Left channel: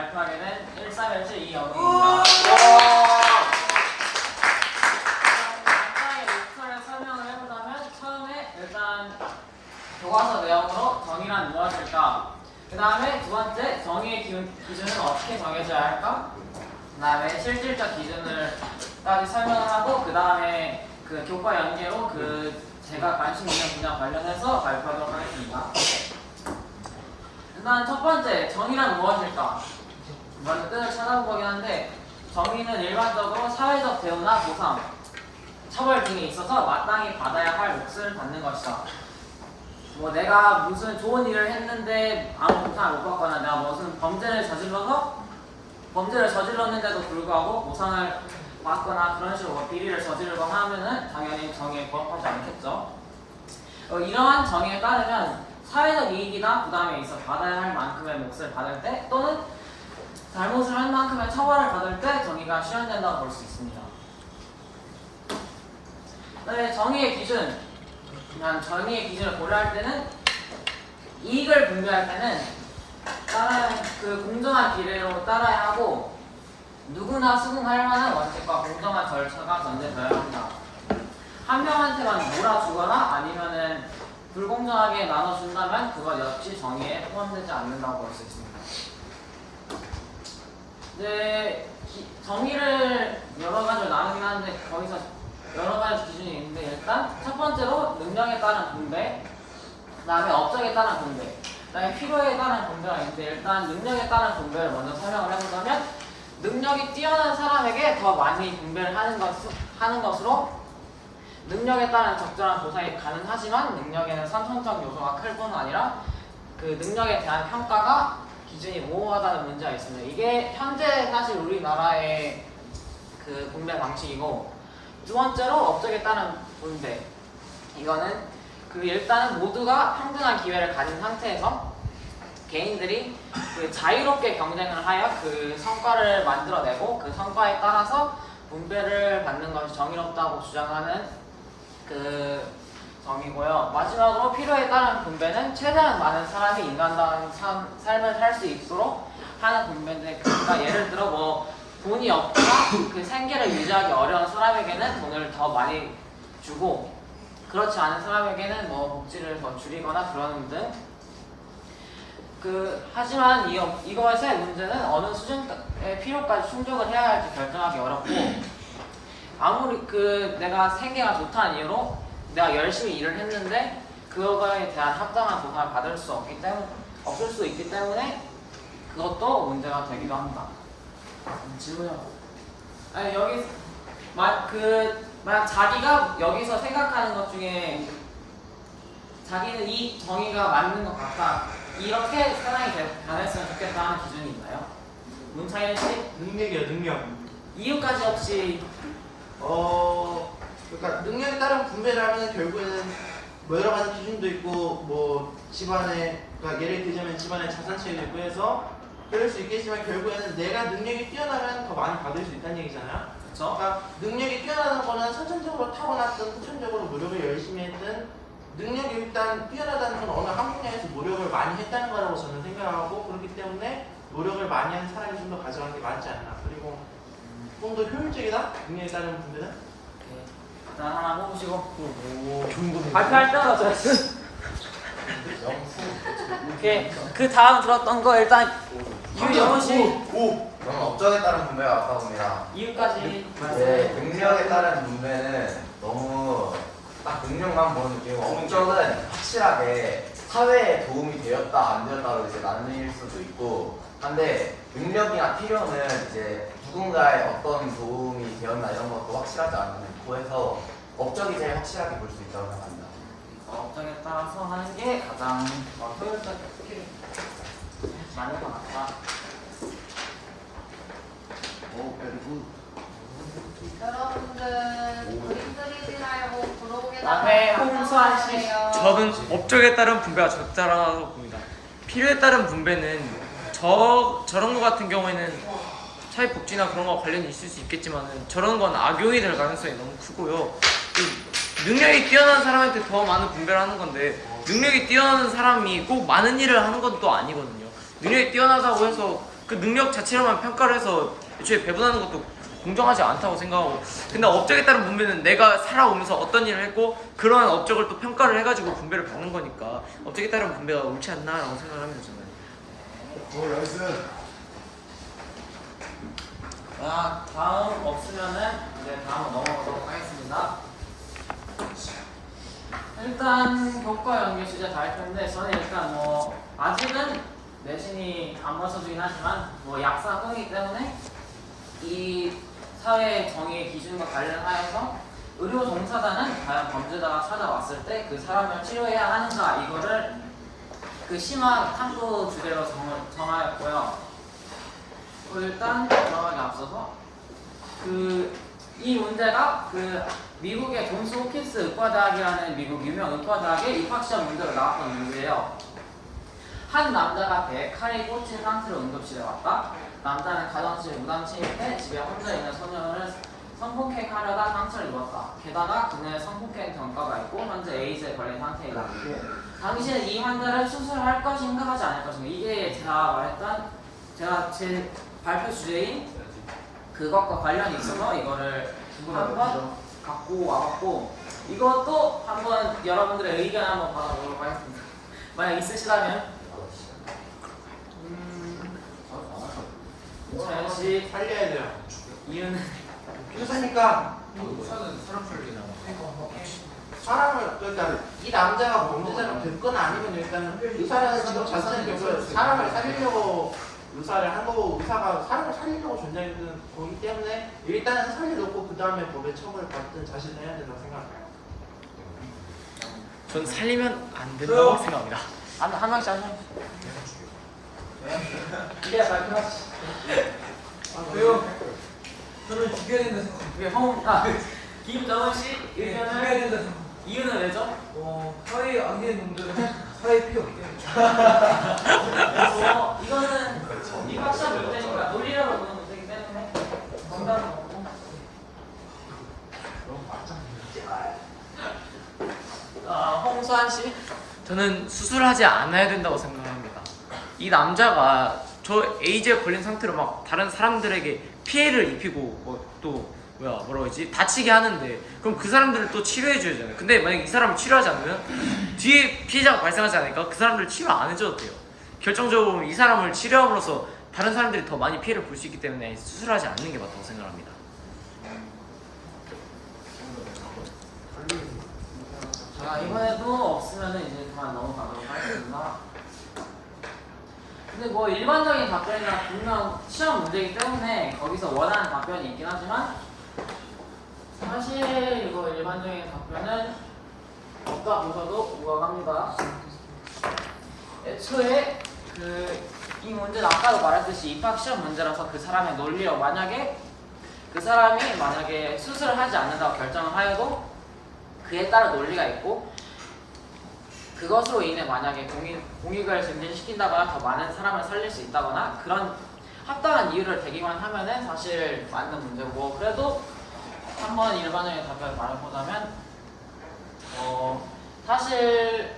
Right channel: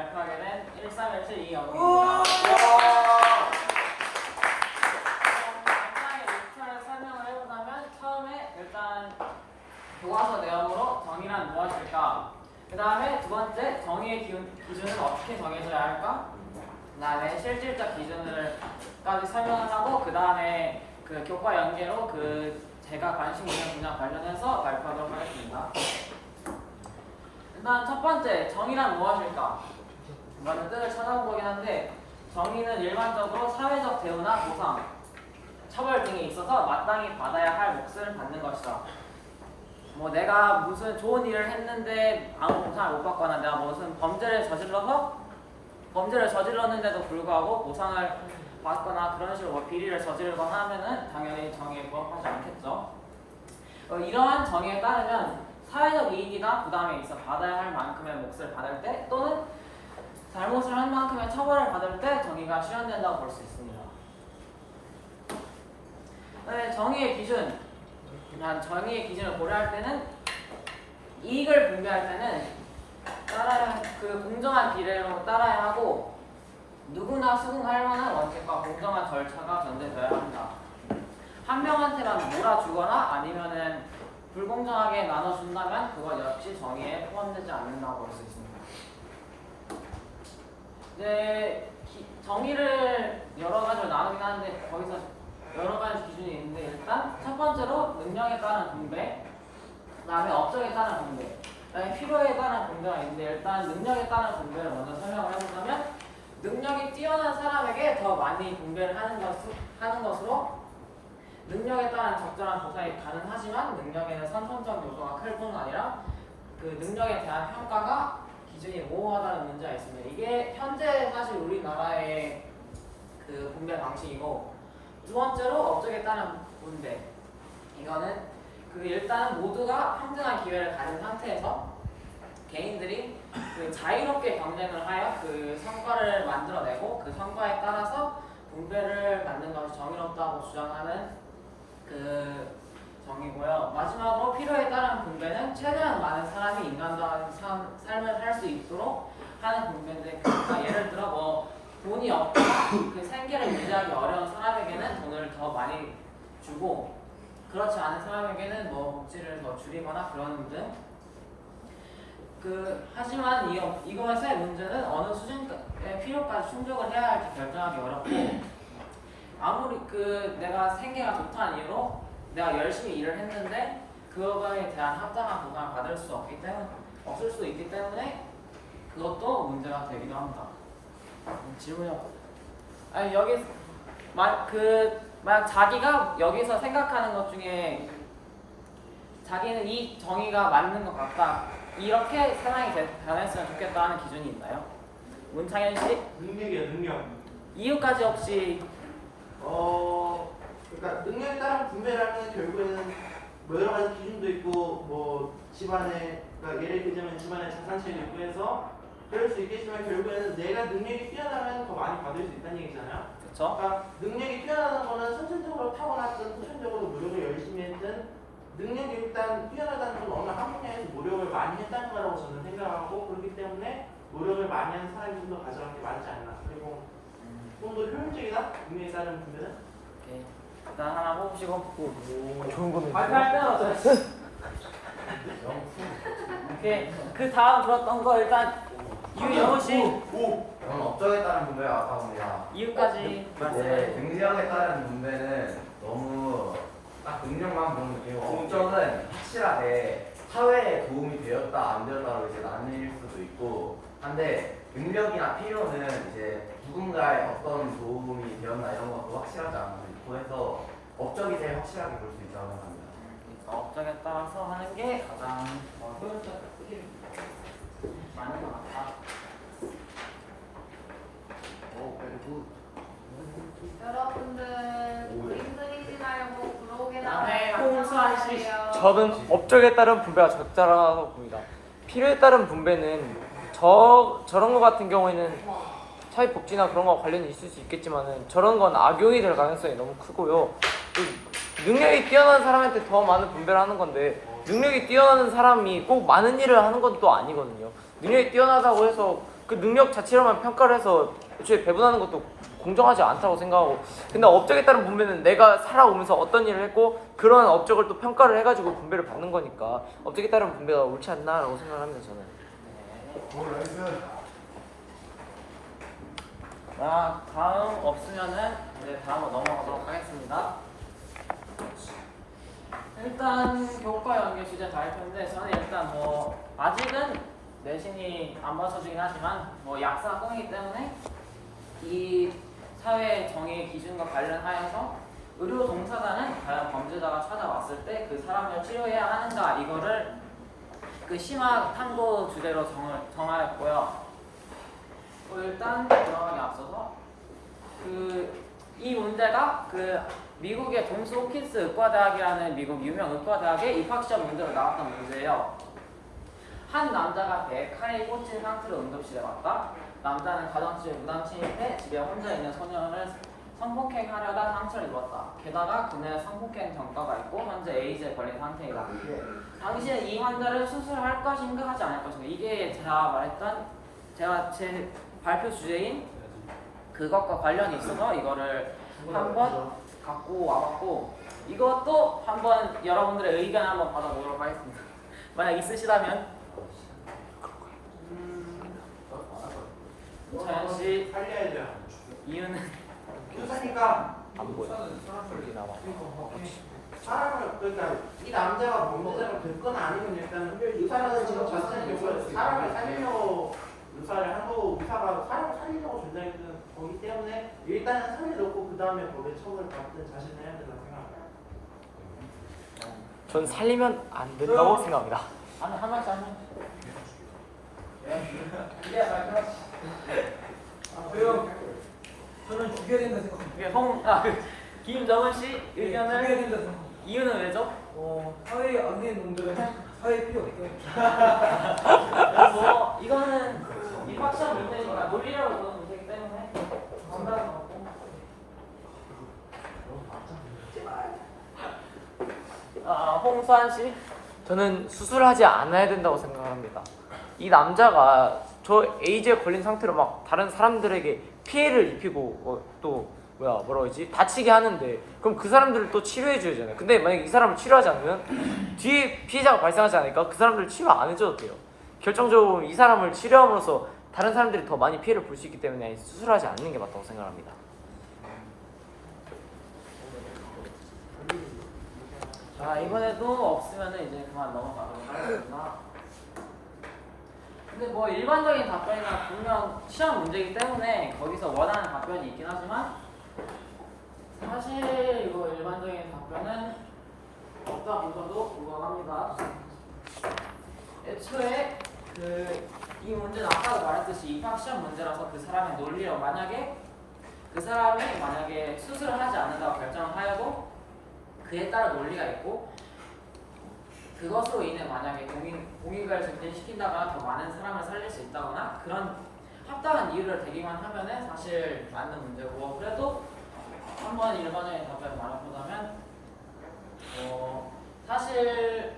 발표하게 된 1317 이영웅입니다. 간단하게 루트를 설명을 해보자면 처음에 일단 교과서 내용으로 정의란 무엇일까? 그 다음에 두 번째 정의의 기준은 어떻게 정해져야 할까? 그 다음에 실질적 기준을까지 설명을 하고 그 다음에 그 교과 연계로 제가 관심 있는 분야 관련해서 발표하도록 하겠습니다. 일단 첫 번째 정의란 무엇일까? 먼저 뜻을 찾아본 거긴 한데 정의는 일반적으로 사회적 대우나 보상, 처벌 등에 있어서 마땅히 받아야 할 몫을 받는 것이다. 뭐 내가 무슨 좋은 일을 했는데 아무 보상을 못 받거나 내가 무슨 범죄를 저질렀는데도 불구하고 보상을 받거나 그런 식으로 뭐 비리를 저지르거나 하면은 당연히 정의에 부합하지 않겠죠. 이러한 정의에 따르면 사회적 이익이나 부담에 있어 받아야 할 만큼의 몫을 받을 때 또는 잘못을 할 만큼의 처벌을 받을 때 정의가 실현된다고 볼 수 있습니다. 정의의 기준, 정의의 기준을 고려할 때는 이익을 분배할 때는 그 공정한 비례로 따라야 하고 누구나 수긍할 만한 원칙과 공정한 절차가 전제되어야 합니다. 한 명한테만 몰아주거나 아니면은 불공정하게 나눠준다면 그것 역시 정의에 포함되지 않는다고 볼 수 있습니다. 정의를 여러 가지로 나누긴 하는데 거기서 여러 가지 기준이 있는데 일단 첫 번째로 능력에 따른 분배, 그 다음에 업적에 따른 분배, 그 다음에 필요에 따른 분배가 있는데 일단 능력에 따른 분배를 먼저 설명을 해보자면 능력이 뛰어난 사람에게 더 많이 분배를 하는 것으로 능력에 따른 적절한 보상이 가능하지만 능력에는 선천적 요소가 클 뿐 아니라 그 능력에 대한 평가가 기준이 모호하다는 문제가 있습니다. 이게 현재 사실 우리나라의 그 분배 방식이고 두 번째로 업적에 따른 분배. 이거는 일단은 모두가 평등한 기회를 가진 상태에서 개인들이 그 자유롭게 경쟁을 하여 그 성과를 만들어내고 그 성과에 따라서 분배를 받는 것이 정의롭다고 주장하는 그 정의고요. 마지막으로 필요에 따른 분배는 최대한 많은 사람이 인간다운 삶을 살 수 있도록 하는 분배인데 그러니까 예를 들어 뭐 돈이 없거나 그 생계를 유지하기 어려운 사람에게는 돈을 더 많이 주고 그렇지 않은 사람에게는 뭐 복지를 더 줄이거나 그러는 등 하지만 이것의 문제는 어느 수준의 필요까지 충족을 해야 할지 결정하기 어렵고 아무리 내가 생계가 좋다는 이유로 내가 열심히 일을 했는데 그거에 대한 합당한 보상을 받을 수 없을 수 있기 때문에 그것도 문제가 되기도 합니다. 질문이요. 아니 만약 자기가 여기서 생각하는 것 중에 자기는 이 정의가 맞는 것 같다. 이렇게 세상이 변했으면 좋겠다 하는 기준이 있나요? 문창현 씨? 능력이요, 능력. 이유까지 혹시 그러니까 능력에 따른 분배라면 결국에는 뭐 여러 가지 기준도 있고 뭐 집안에 그러니까 예를 들자면 집안의 자산 차이도 있고 해서 그럴 수 있겠지만 결국에는 내가 능력이 뛰어나면 더 많이 받을 수 있다는 얘기잖아요. 그렇죠? 그러니까 능력이 뛰어나는 거는 선천적으로 타고났든 후천적으로 노력을 열심히 했든 능력이 일단 뛰어나다는 건 어느 한 분야에서 노력을 많이 했다는 거라고 저는 생각하고 그렇기 때문에 노력을 많이 하는 사람이 좀 더 가져가는 게 많지 않나. 그리고 좀 더 효율적이다? 능력에 따른 분배는? 오케이. 일단 하나 뽑으시고 좋은 거는 발표할 때마다 오케이. 그 다음 들었던 거 일단 유영훈 씨 그럼 업적에 따른 분배가 맞다고 봅니다. 이유까지 네, 능력에 따른 분배는 너무 딱 능력만 보는 느낌이고 업적은 확실하게 사회에 도움이 되었다 안 되었다로 이제 나뉠 수도 있고 한데 능력이나 필요는 이제 누군가의 어떤 도움이 되었나 이런 것도 확실하지 않고 해서 업적이 제일 확실하게 볼 수 있다고 생각합니다. 업적에 따라서 하는 게 가장 효율적이지 않을 것 같다. 그리고 여러분들 그림 그리지 말고 앞에 브로그에다가 홍수환 씨. 저는 업적에 따른 분배가 적절하다고 봅니다. 필요에 따른 분배는 저런 거 같은 경우에는 사회복지나 그런 거 관련이 있을 수 있겠지만은 저런 건 악용이 될 가능성이 너무 크고요. 능력이 뛰어난 사람한테 더 많은 분배를 하는 건데 능력이 뛰어난 사람이 꼭 많은 일을 하는 건 또 아니거든요. 능력이 뛰어나다고 해서 그 능력 자체로만 평가를 해서 애초에 배분하는 것도 공정하지 않다고 생각하고, 근데 업적에 따른 분배는 내가 살아오면서 어떤 일을 했고 그러한 업적을 또 평가를 해가지고 분배를 받는 거니까 업적에 따른 분배가 옳지 않나라고 생각을 합니다 저는. 다음 없으면은 이제 다음으로 넘어가도록 하겠습니다. 일단 교과 연계 주제 다 할 텐데 저는 일단 뭐 아직은 내신이 안 맞춰지긴 하지만 뭐 약사학이기 때문에 이 사회 정의 기준과 관련하여서 의료 종사자는 과연 범죄자가 찾아왔을 때 그 사람을 치료해야 하는가 이거를 그 심화 탐구 주제로 정하였고요. 일단 들어가기 앞서서 이 문제가 미국의 존스 홉킨스 의과대학이라는 미국 유명 의과대학의 입학시험 문제로 나왔던 문제예요. 한 남자가 배에 칼이 꽂힌 상태로 응급실에 왔다. 남자는 가정집에 무단 침입해 집에 혼자 있는 소년을 성폭행하려다 상처를 입었다. 게다가 그녀의 성폭행 전과가 있고 현재 에이즈에 걸린 상태이다. 당신은 이 환자를 수술할 것인가 하지 않을 것인가. 이게 제가 제 발표 주제인 그것과 관련이 있어서 이거를 한번 갖고 와봤고, 이것도 한번 여러분들의 의견 한번 받아보도록 하겠습니다. 만약 있으시다면 차현 씨 살려야 돼요. 이유는 의사니까 사람을 그러니까 이 남자가 범죄자가 됐거나 아니면 일단 의사라는 직업 자체는 결국 사람을 살리려고 의사를 한 거고 의사가 사람을 살리려고 존재하는 거기 때문에 일단은 살려놓고 그 다음에 법의 처벌을 받든 자신을 해야 된다고 생각해요. 전 살리면 안 된다고 생각합니다. 한 명씩 한 명씩. 이게 발표. 왜요? 저는 죽여야 된다 생각합니다. 김정은 씨 죽여야 의견을 된다 생각. 이유는 왜죠? 사회에 악의 놈들은 사회에 필요 없대. 이거는 입학시험 문제니까 논리적으로 보는 문제이기 때문에 정답은 없고. 홍수환 씨. 저는 수술하지 않아야 된다고 생각합니다. 이 남자가 저 에이즈에 걸린 상태로 막 다른 사람들에게 피해를 입히고 또 뭐라고 하지? 다치게 하는데 그럼 그 사람들을 또 치료해 줘야 되잖아요. 근데 만약 이 사람을 치료하지 않으면 뒤에 피해자가 발생하지 않으니까 그 사람들 치료 안 해줘도 돼요. 결정적으로 이 사람을 치료함으로써 다른 사람들이 더 많이 피해를 볼 수 있기 때문에 수술하지 않는 게 맞다고 생각합니다. 자, 이번에도 없으면은 이제 그만 넘어가도록 하겠습니다. 근데 뭐 일반적인 답변이나 분명 시험 문제이기 때문에 거기서 원하는 답변이 있긴 하지만 사실 이거 일반적인 답변은 없다 보셔도 무방합니다. 애초에 이 문제는 아까도 말했듯이 입학 시험 문제라서 그 사람의 논리로 만약에 그 사람이 수술을 하지 않는다고 결정을 하여도 그에 따른 논리가 있고 그것으로 인해 만약에 공익을 증진시킨다거나 더 많은 사람을 살릴 수 있다거나 그런 합당한 이유를 대기만 하면은 사실 맞는 문제고, 그래도 한번 일반적인 답변을 말해보자면 사실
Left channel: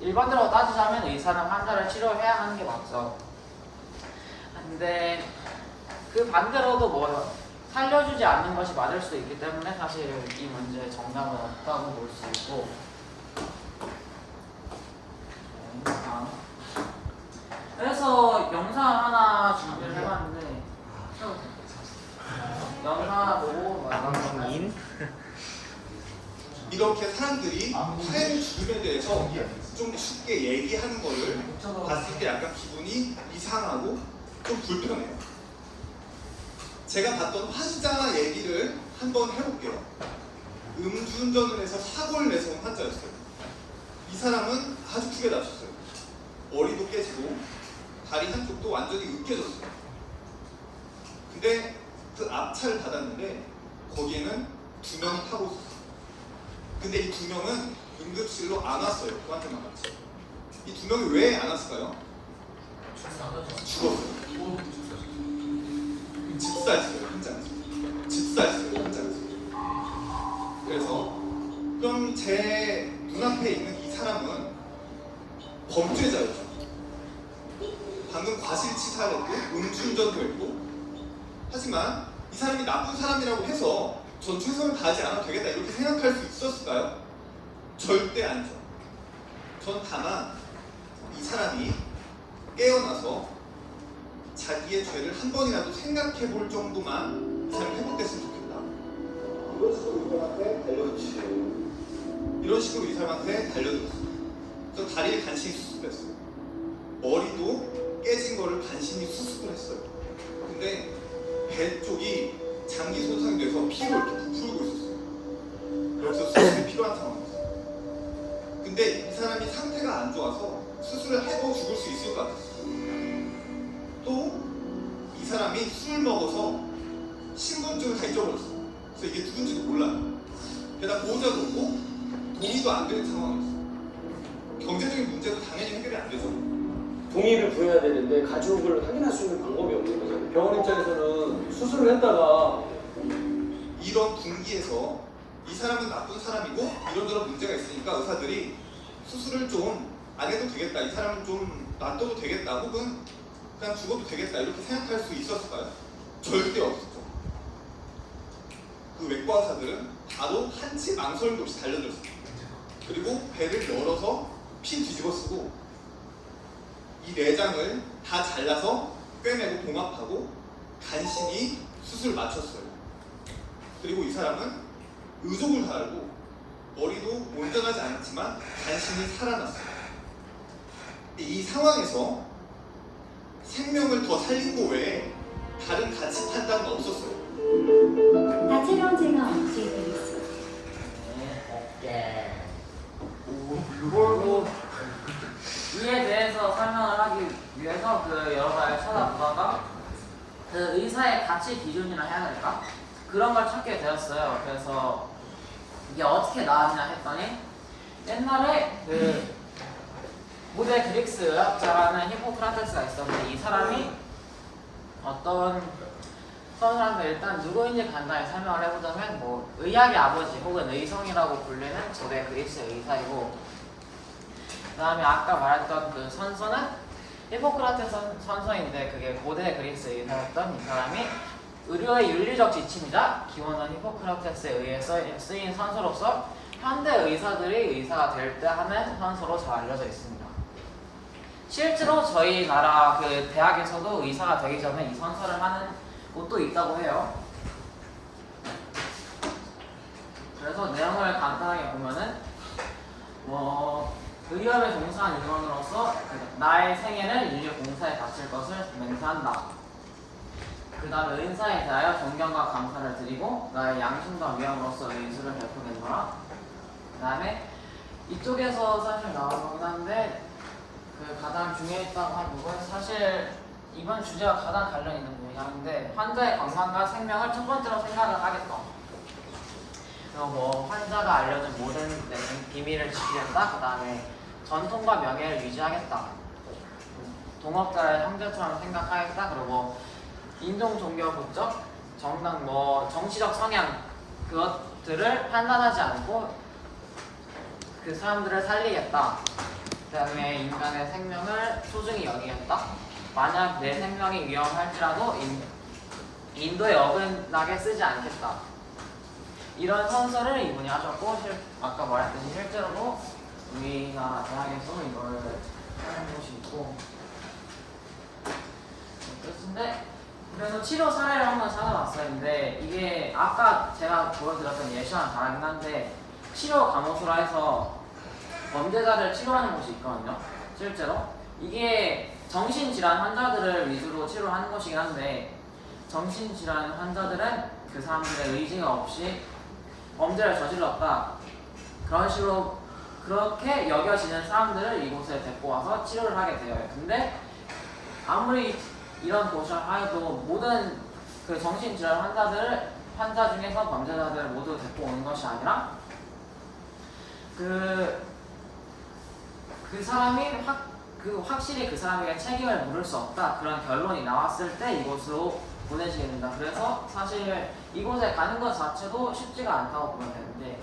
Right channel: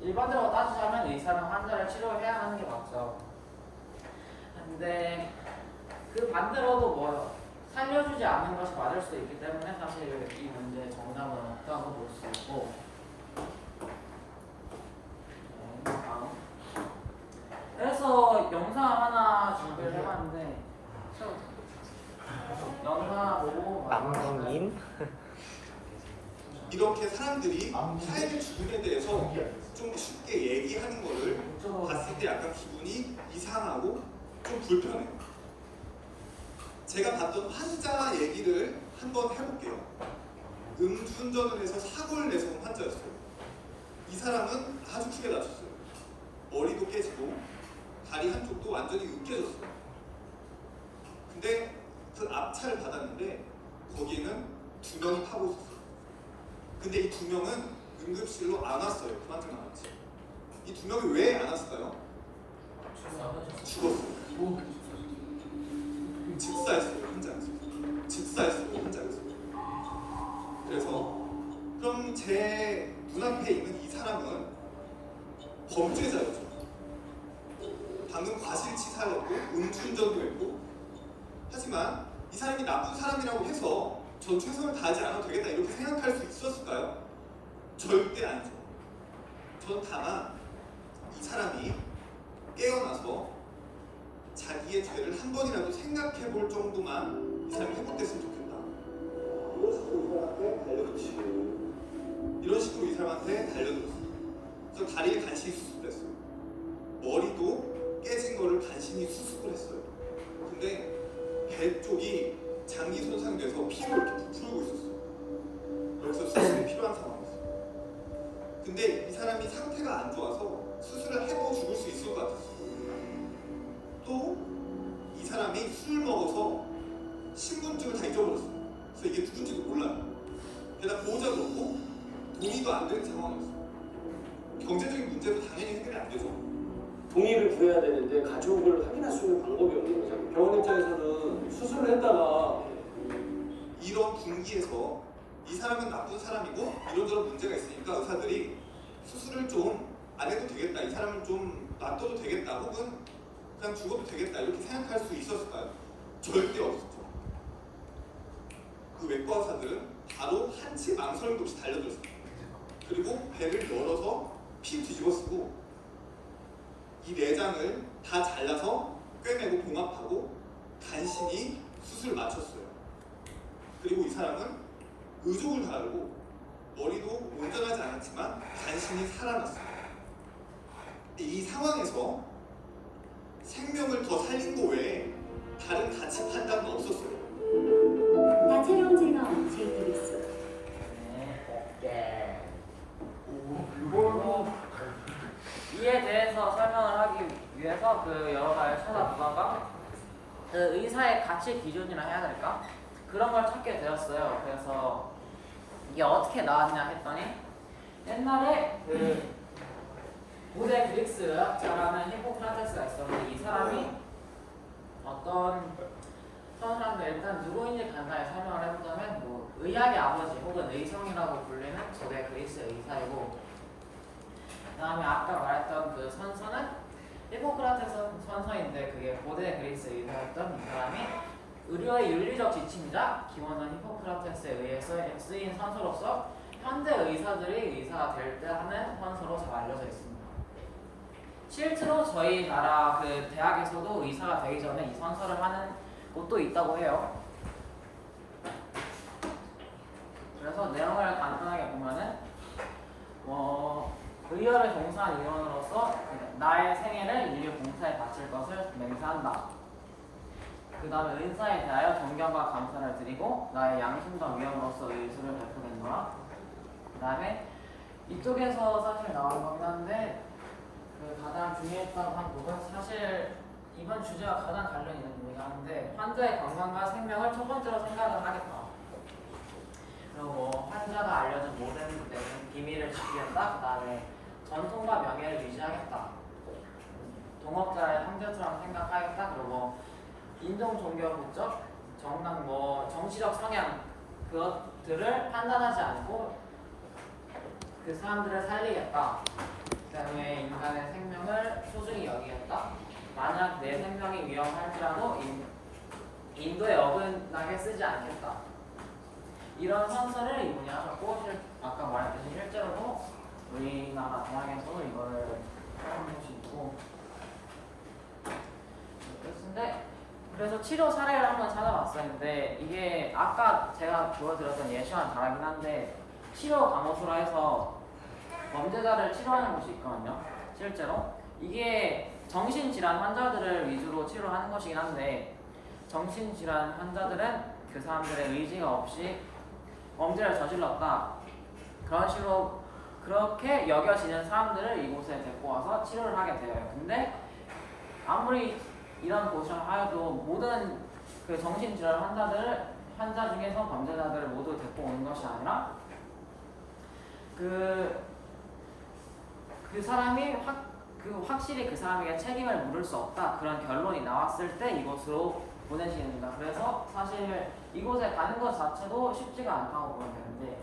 일반적으로 따지자면 의사는 환자를 치료해야 하는 게 맞죠. 근데 그 반대로도 뭐 살려주지 않는 것이 맞을 수도 있기 때문에 사실 이 문제의 정답은 없다고 볼 수 있고, 다음. 그래서 영상 하나 준비를 해봤는데 영상 보고 남인 이렇게 사람들이 타인의 죽음에 대해서 좀 쉽게 얘기하는 거를 봤을 때 약간 기분이 이상하고 좀 불편해요. 제가 봤던 환자 얘기를 한번 해볼게요. 음주운전을 해서 사고를 내서 온 환자였어요. 이 사람은 아주 크게 다쳤어요. 머리도 깨지고 다리 한쪽도 완전히 으깨졌어요. 근데 그 앞차를 받았는데 거기에는 2명이 타고 있었어요. 근데 이 2명은 응급실로 안 왔어요. 그 환자만 왔지. 이 2명이 왜 안 왔을까요? 죽었어요. 즉사했어요. 현장에서. 즉사했어요. 현장에서. 그래서 그럼 제 눈앞에 있는 이 사람은 범죄자였죠. 방금 과실치사였고 사람이 나쁜 사람이라고 해서 전 최선을 다하지 않아도 되겠다 이렇게 생각할 수 있었을까요? 절대 아니죠. 전 다만 이 사람이 깨어나서 자기의 죄를 한 번이라도 생각해 볼 정도만 잘 회복됐으면 좋겠다. 이런 식으로 이 사람한테 달려들었어요. 이런 식으로 이 사람한테 달려들었어요. 그래서 다리를 간신히 수습했어요. 머리도 깨진 거를 간신히 수습을 했어요. 근데 배 쪽이 장기 손상돼서 피로 이렇게 부풀고 있었어요. 여기서 수술이 필요한 상황이었어요. 근데 이 사람이 상태가 안 좋아서 수술을 해도 죽을 수 있을 것 같았어요. 또 이 사람이 술 먹어서 신분증을 다 잊어버렸어요. 그래서 이게 누군지도 몰라요. 게다가 보호자도 없고 동의도 안 되는 상황이었어요. 경제적인 문제도 당연히 해결이 안 되죠. 동의를 구해야 되는데 가져온 걸 확인할 수 있는 방법이 없는 거죠. 병원 입장에서는 수술을 했다가 이런 분기에서 이 사람은 나쁜 사람이고 이런저런 문제가 있으니까 의사들이 수술을 좀 안 해도 되겠다, 이 사람은 좀 놔둬도 되겠다, 혹은 그냥 죽어도 되겠다 이렇게 생각할 수 있었을까요? 절대 없었죠. 그 외과 의사들은 바로 한치 망설임도 없이 달려들었어요. 그리고 배를 열어서 피 뒤집어 쓰고 이 내장을 다 잘라서 꿰매고 봉합하고 간신히 수술 마쳤어요. 그리고 이 사람은 의족을 달고 머리도 온전하지 않았지만 간신히 살아났어요. 이 상황에서 생명을 더 살린 거 외에 다른 가치 판단도 없었어요. 다채로운 제가 없애드리겠습니다. 네, 그리고 이에 대해서 설명을 하기 위해서 그 여러 가지 찾아보다가 그 의사의 가치 기준이라 해야 될까? 그런 걸 찾게 되었어요. 그래서 이게 어떻게 나왔냐 했더니 옛날에 그 고대 그리스 의학자라는 히포크라테스가 있었는데 이 사람이 어떤 사람들 일단 누구인지 간단히 설명을 해보자면 뭐 의학의 아버지 혹은 의성이라고 불리는 고대 그리스 의사이고 그 다음에 아까 말했던 그 선서는 히포크라테스 선서인데 그게 고대 그리스 의사였던 이 사람이 의료의 윤리적 지침이자 기원은 히포크라테스에 의해서 쓰인 선서로서 현대 의사들이 의사가 될 때 하는 선서로 잘 알려져 있습니다. 실제로 저희 나라 그 대학에서도 의사가 되기 전에 이 선서를 하는 곳도 있다고 해요. 그래서 내용을 간단하게 보면은 의협에 종사한 인원으로서 나의 생애는 인류 공사에 바칠 것을 맹세한다. 그 다음에 의사에 대하여 존경과 감사를 드리고 나의 양심과 위엄으로서 의술을 베푸겠노라. 그 다음에 이쪽에서 사실 나온 거긴 한데 그 가장 중요했다고 한 부분 사실 이번 주제와 가장 관련 있는 부분이긴 환자의 건강과 생명을 첫 번째로 생각을 하겠다. 그리고 뭐 환자가 알려준 모든 비밀을 지키겠다. 그 다음에 전통과 명예를 유지하겠다. 동업자를 형제처럼 생각하겠다. 그리고 인종, 종교, 국적, 정당, 정치적 성향 그것들을 판단하지 않고 그 사람들을 살리겠다. 그 다음에 인간의 생명을 소중히 여기겠다. 만약 내 생명이 위험할지라도 인도에 어긋나게 쓰지 않겠다. 이런 선서를 이분이 하셨고 아까 말했듯이 실제로도 우리나라 대학에서 이걸 하는 곳이 있고 그렇습니다. 그래서 치료 사례를 한번 찾아봤었는데 이게 아까 제가 보여드렸던 예시와는 다르긴 한데 치료 감호소라 해서 범죄자를 치료하는 곳이 있거든요. 실제로 이게 정신질환 환자들을 위주로 치료하는 것이긴 한데 정신질환 환자들은 그 사람들의 의지가 없이 범죄를 저질렀다. 그런 식으로 그렇게 여겨지는 사람들을 이곳에 데리고 와서 치료를 하게 돼요. 근데 아무리 이런 도시를 하여도 모든 그 정신질환 환자 중에서 범죄자들을 모두 데리고 오는 것이 아니라 그 사람이 확실히 그 사람에게 책임을 물을 수 없다 그런 결론이 나왔을 때 이곳으로 보내지게 된다. 그래서 사실 이곳에 가는 것 자체도 쉽지가 않다고 보면 되는데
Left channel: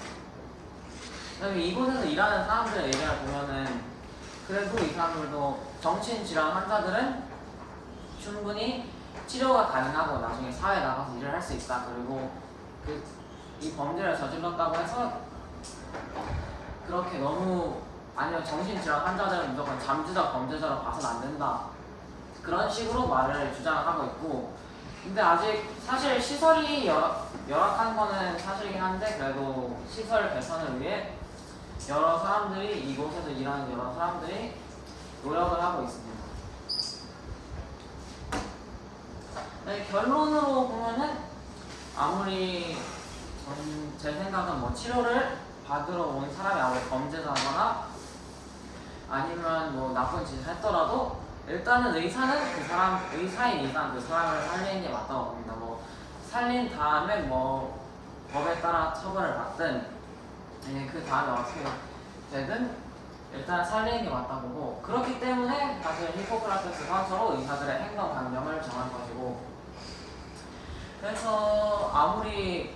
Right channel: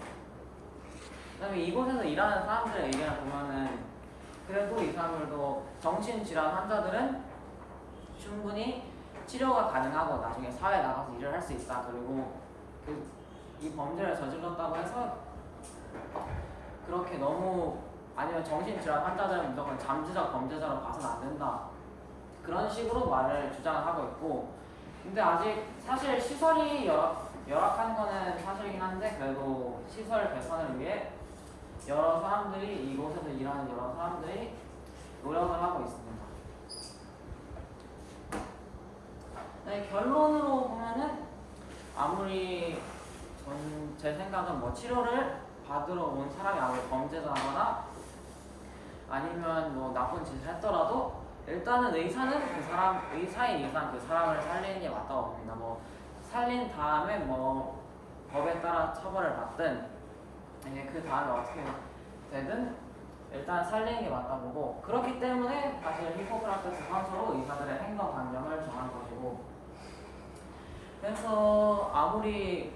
그다음에 이곳에서 일하는 사람들의 의견을 보면은 그래도 이 사람들도 정신질환 환자들은 충분히 치료가 가능하고 나중에 사회에 나가서 일을 할 수 있다. 그리고 이 범죄를 저질렀다고 해서 그렇게 너무 아니면 정신질환 환자들은 무조건 잠재적 범죄자로 봐서는 안 된다. 그런 식으로 말을 주장하고 있고, 근데 아직 사실 시설이 열악한 거는 사실이긴 한데 그래도 시설 개선을 위해 여러 사람들이 이곳에서 일하는 여러 사람들이 노력을 하고 있습니다. 네, 결론으로 보면은 아무리 제 생각은 뭐 치료를 받으러 온 사람이 아무리 범죄자거나 아니면 뭐 나쁜 짓을 했더라도 일단은 의사는 의사의 이상 그 사람을 살리는 게 맞다고 봅니다. 뭐 살린 다음에 뭐 법에 따라 처벌을 받든 그 다음에 어떻게 되든 일단 살리는 게 맞다고 보고, 그렇기 때문에 사실 히포크라테스 선서로 의사들의 행동 강령을 정한 것이고, 그래서 아무리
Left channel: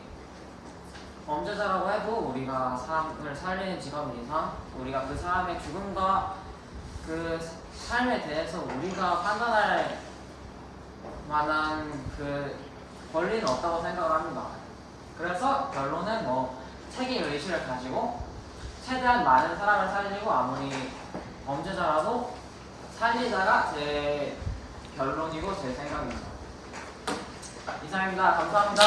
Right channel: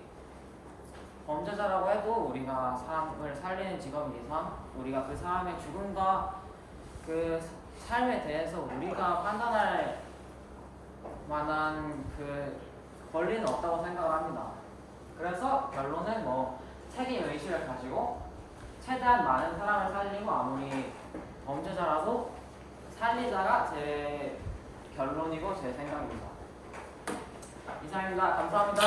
범죄자라고 해도 우리가 사람을 살리는 직업인 이상 우리가 그 사람의 죽음과 그 삶에 대해서 우리가 판단할 만한 그 권리는 없다고 생각을 합니다. 그래서 결론은 뭐 책임 의식을 가지고 최대한 많은 사람을 살리고 아무리 범죄자라도 살리자가 제 결론이고 제 생각입니다. 이상입니다. 감사합니다.